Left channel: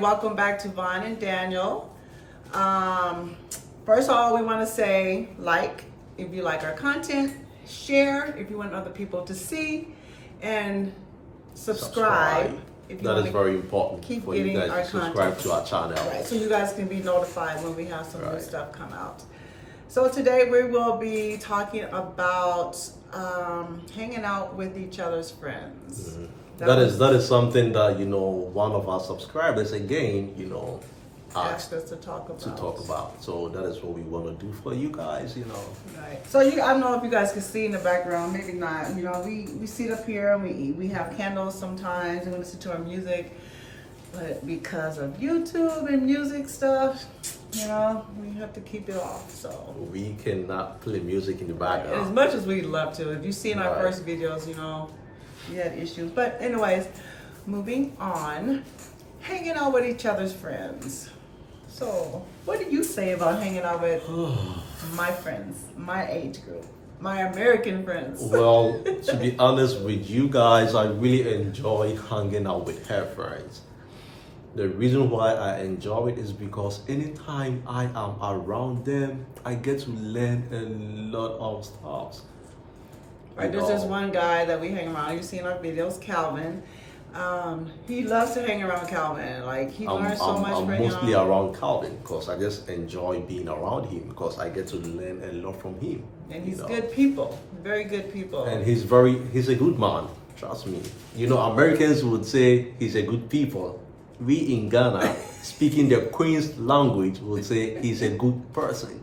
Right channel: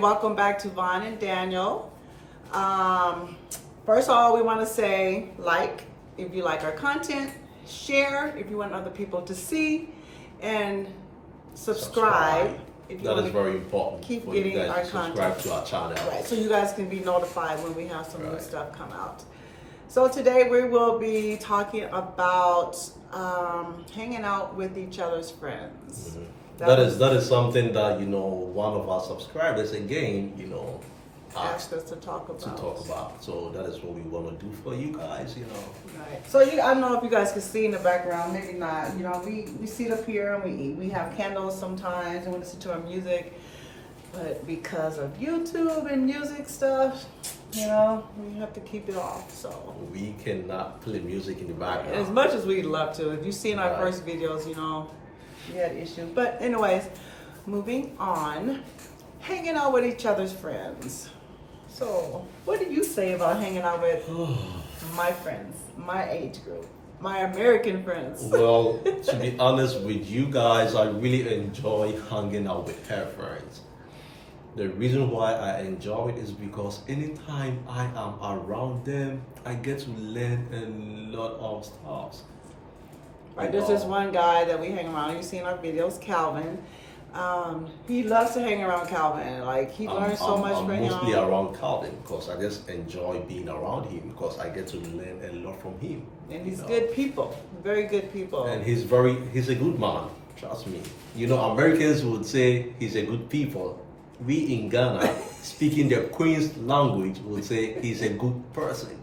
Welcome back to Vaughn and Daniel. First of all, we want to say like if you like our content, share if you want other people to see, and subscribe. If you That want is to very important keep for you getting guys our to subscribe content. to our channel. Right, so you guys can be notified when we have some new Right. stuff come out. So today we will be talking about hanging out with each other's friends. Mhm. was That is something that one of our subscribers again asked asked us to talk about. to talk about. So that is what we want to do for you guys. Right. So I don't know if you guys can see in the background, maybe not. We sit up here and we eat. We have candles sometimes and we listen to our music. But because of YouTube and music stuff, we have to keep it off. So We cannot play music in the as background. much as we'd love to. If you've seen our Right. first videos, we had issues. But anyways, moving on. Hanging out with each other's friends. So what do you say about hanging out with my friends, my age group, my American friends? Well, to be honest with you guys, I really enjoy hanging out with her friends. The reason why I enjoy it is because anytime I am around them, I get to learn a lot of stuff. Right, there's this one guy that we hang around. You've seen our videos, Calvin. He loves to hang around Calvin. Like he learns so much I'm from him. mostly around Calvin because I just enjoy being around him because I get to learn a lot from him. And he's good people, very good people. And he's a good man. Trust me. Americans would say he's a good people. We in Ghana, speaking the Queen's language, would say he's a good person.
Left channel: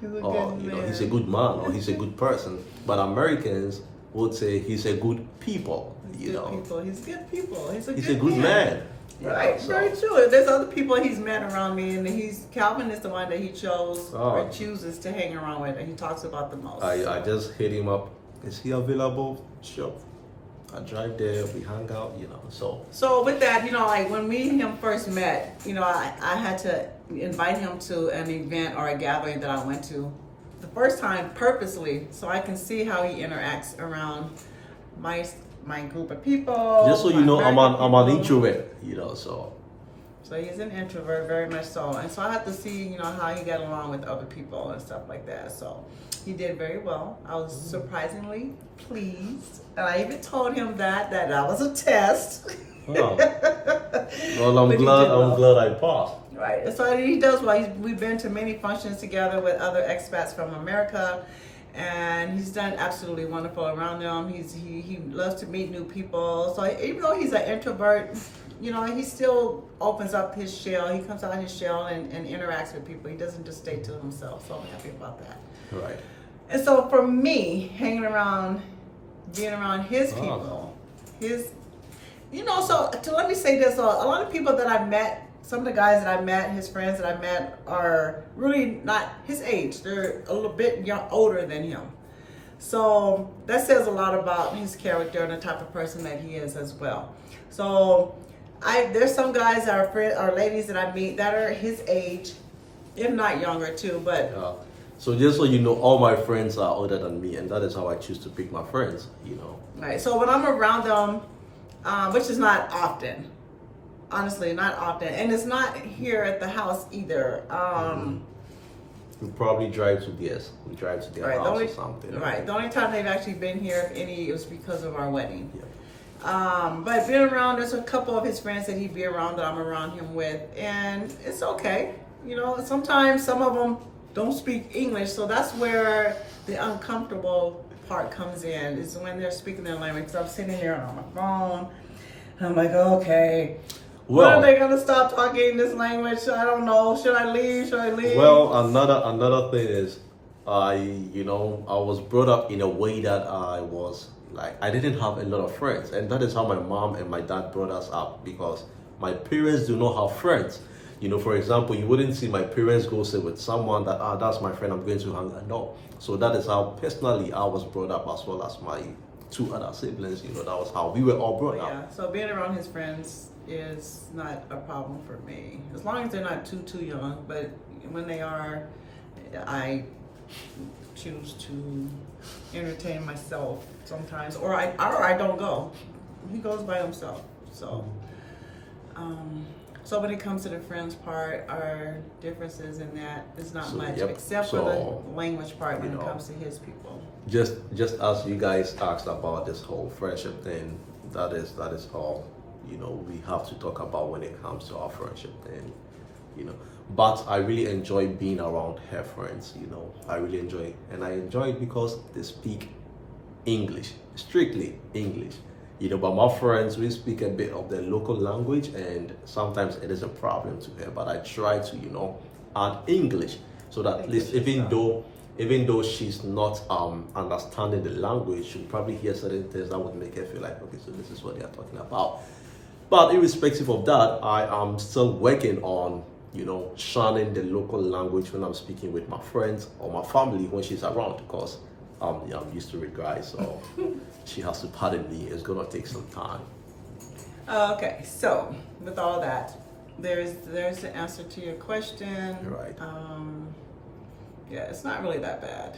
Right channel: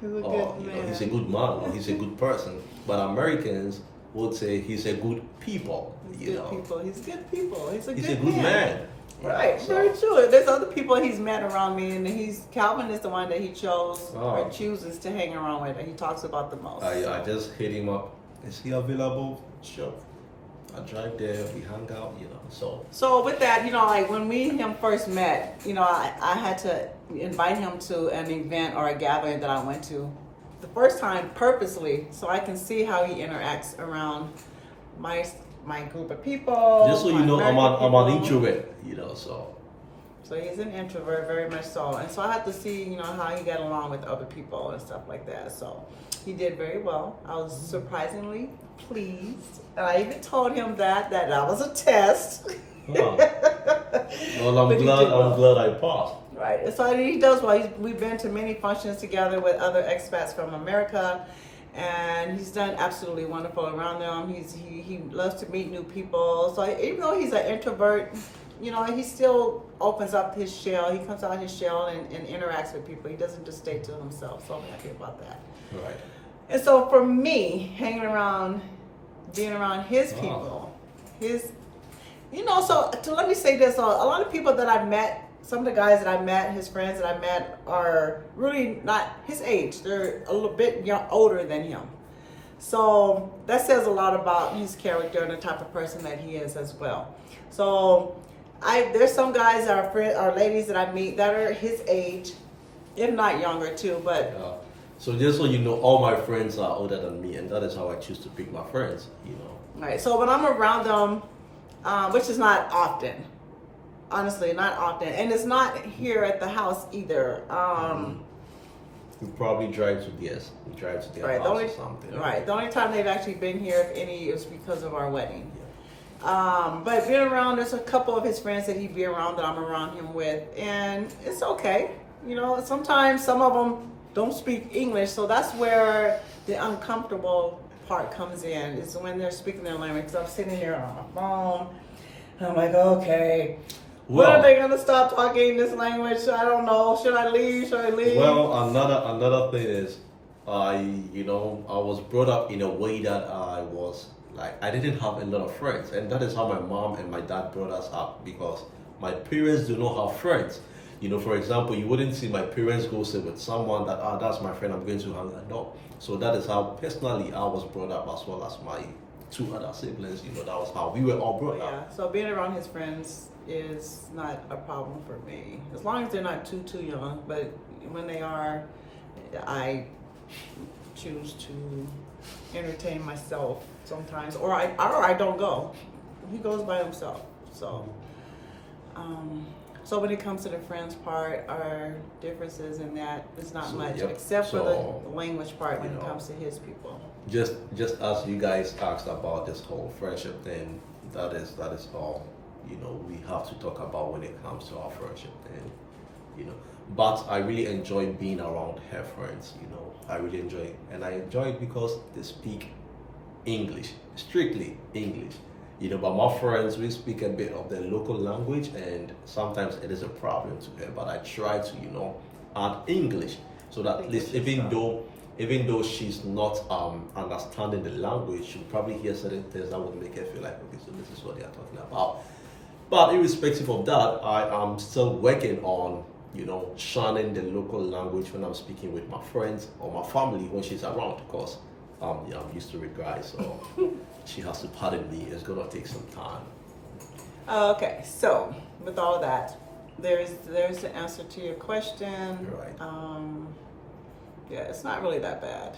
He's a Or good man. he's a good man or he's a good person. But Americans would say he's a good people. He's good people. He's good people. He's a good man. man. Right, So- very true. There's other people he's met around me, and Calvin is the one that he chose or Oh. chooses to hang around with, and he talks about the most. I just hit him up. Is he available? Sure. I drive there, we hang out, So with that, like when me and him first met, I had to invite him to an event or a gathering that I went to the first time purposely, so I can see how he interacts around my group of people. Just so my you know, I'm American an people. introvert, so. So he's an introvert, very much so. And so I have to see, how he got along with other people and stuff like that. So he did very well. I was surprisingly pleased. And I even told him that was a test. Oh. Well, But he did well. I'm glad I passed. Right. And so he does well. We've been to many functions together with other expats from America. And he's done absolutely wonderful around them. He loves to meet new people. So even though he's an introvert, he still opens up his shell. He comes out his shell and interacts with people. He doesn't just stay to himself. So I'm happy about that. Right. And so for me, being around his people, let me say this. A lot of people that I've met, some of the guys that I met, his friends that I met are really not his age. They're a little bit older than him. So that says a lot about his character and the type of person that he is as well. So there's some guys that are ladies that I meet that are his age, if not younger too, but So just so you know, all my friends are older than me, and that is how I choose to pick my friends, Right. So when I'm around them, which is not often, honestly, not often, and it's not here at the house either. We probably drive to their Right. house or something. Right. The only time they've actually been here, if any, it was because of our wedding. Yeah. But being around, there's a couple of his friends that he'd be around that I'm around him with, and it's okay. Sometimes some of them don't speak English, so that's where the uncomfortable part comes in, is when they're speaking their language. Because I'm sitting there on my phone, and I'm like, okay, when are they gonna stop talking this language? I don't know. Should I leave? Well, another thing is, I was brought up in a way that I didn't have a lot of friends, and that is how my mom and my dad brought us up, because my parents do not have friends. For example, you wouldn't see my parents go sit with someone that's my friend, I'm going to hang out. No. So that is how personally I was brought up, as well as my two other siblings. That was how we were all brought up. Yeah. So being around his friends is not a problem for me, as long as they're not too young. But when they are, I choose to entertain myself sometimes, or I don't go. He goes by himself. So So when it comes to the friends part, our differences in that is not So, much, yep. except for So, the language part when you it know. comes to his people. Just as you guys asked about this whole friendship thing, that is all, you know, we have to talk about when it comes to our friendship thing, you know. But I really enjoy being around her friends, you know. I really enjoy it, and I enjoy it because they speak English, strictly English. You know, but my friends, we speak a bit of the local language, and sometimes it is a problem to her. But I try to, you know, add English so that at least even though she's not understanding the language, she'll probably hear certain things that would make her feel like, okay, so this is what they are talking about. But irrespective of that, I am still working on, you know, channeling the local language when I'm speaking with my friends or my family when she's around, because yeah, I'm used to it, guys, so she has to pardon me. It's gonna take some time. Okay, so with all that, there's the answer to your question. You're right. Yeah, it's not really that bad.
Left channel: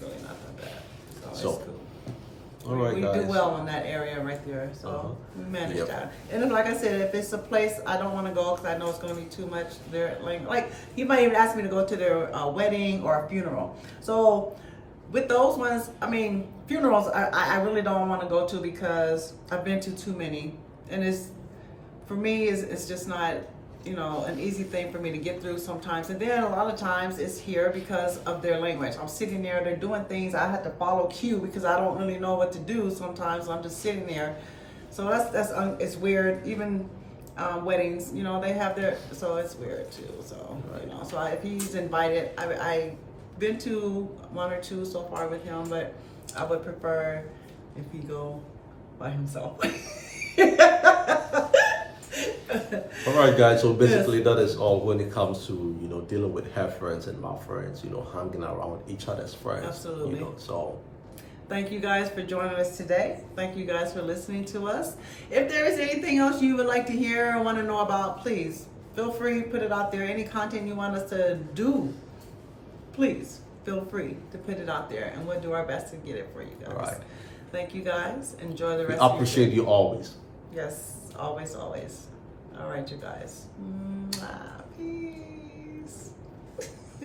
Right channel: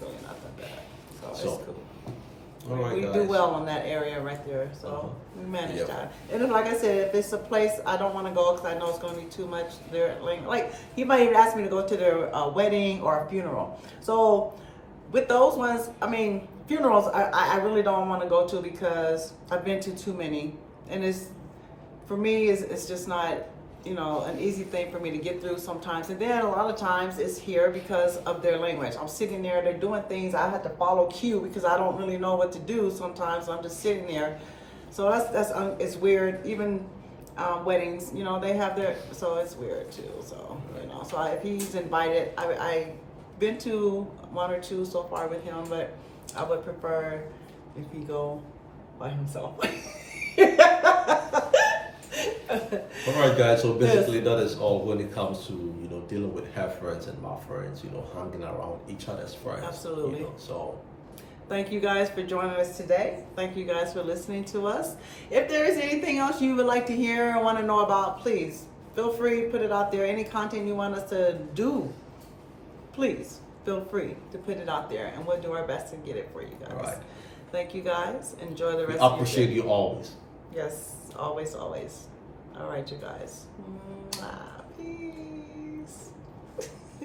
Really not that bad. So So, it's cool. all right, we guys. do well in that area right there, so Uh-huh. we manage Yep. that. And then, like I said, if it's a place I don't want to go because I know it's going to be too much, their like he might even ask me to go to their wedding or a funeral. So with those ones, I mean, funerals I really don't want to go to because I've been to too many, and it's for me it's just not, you know, an easy thing for me to get through sometimes. And then a lot of times it's here because of their language. I'm sitting there, they're doing things, I have to follow cue because I don't really know what to do sometimes. I'm just sitting there. So that's it's weird. Even weddings, you know, they have their, so it's weird too. So, you know, so if he's invited, I been to one or two so far with him, but I would prefer if he go by himself. All right, guys. So basically, that is all when it comes to, you know, dealing with her friends and my friends. You know, hanging around each other's friends. Absolutely. You know, so Thank you guys for joining us today. Thank you guys for listening to us. If there is anything else you would like to hear or want to know about, please feel free to put it out there. Any content you want us to do, please feel free to put it out there, and we'll do our best to get it for you guys. all right. Thank you guys. Enjoy the We rest of your appreciate day. you always. Yes, always, always. All right, you guys. Mwah.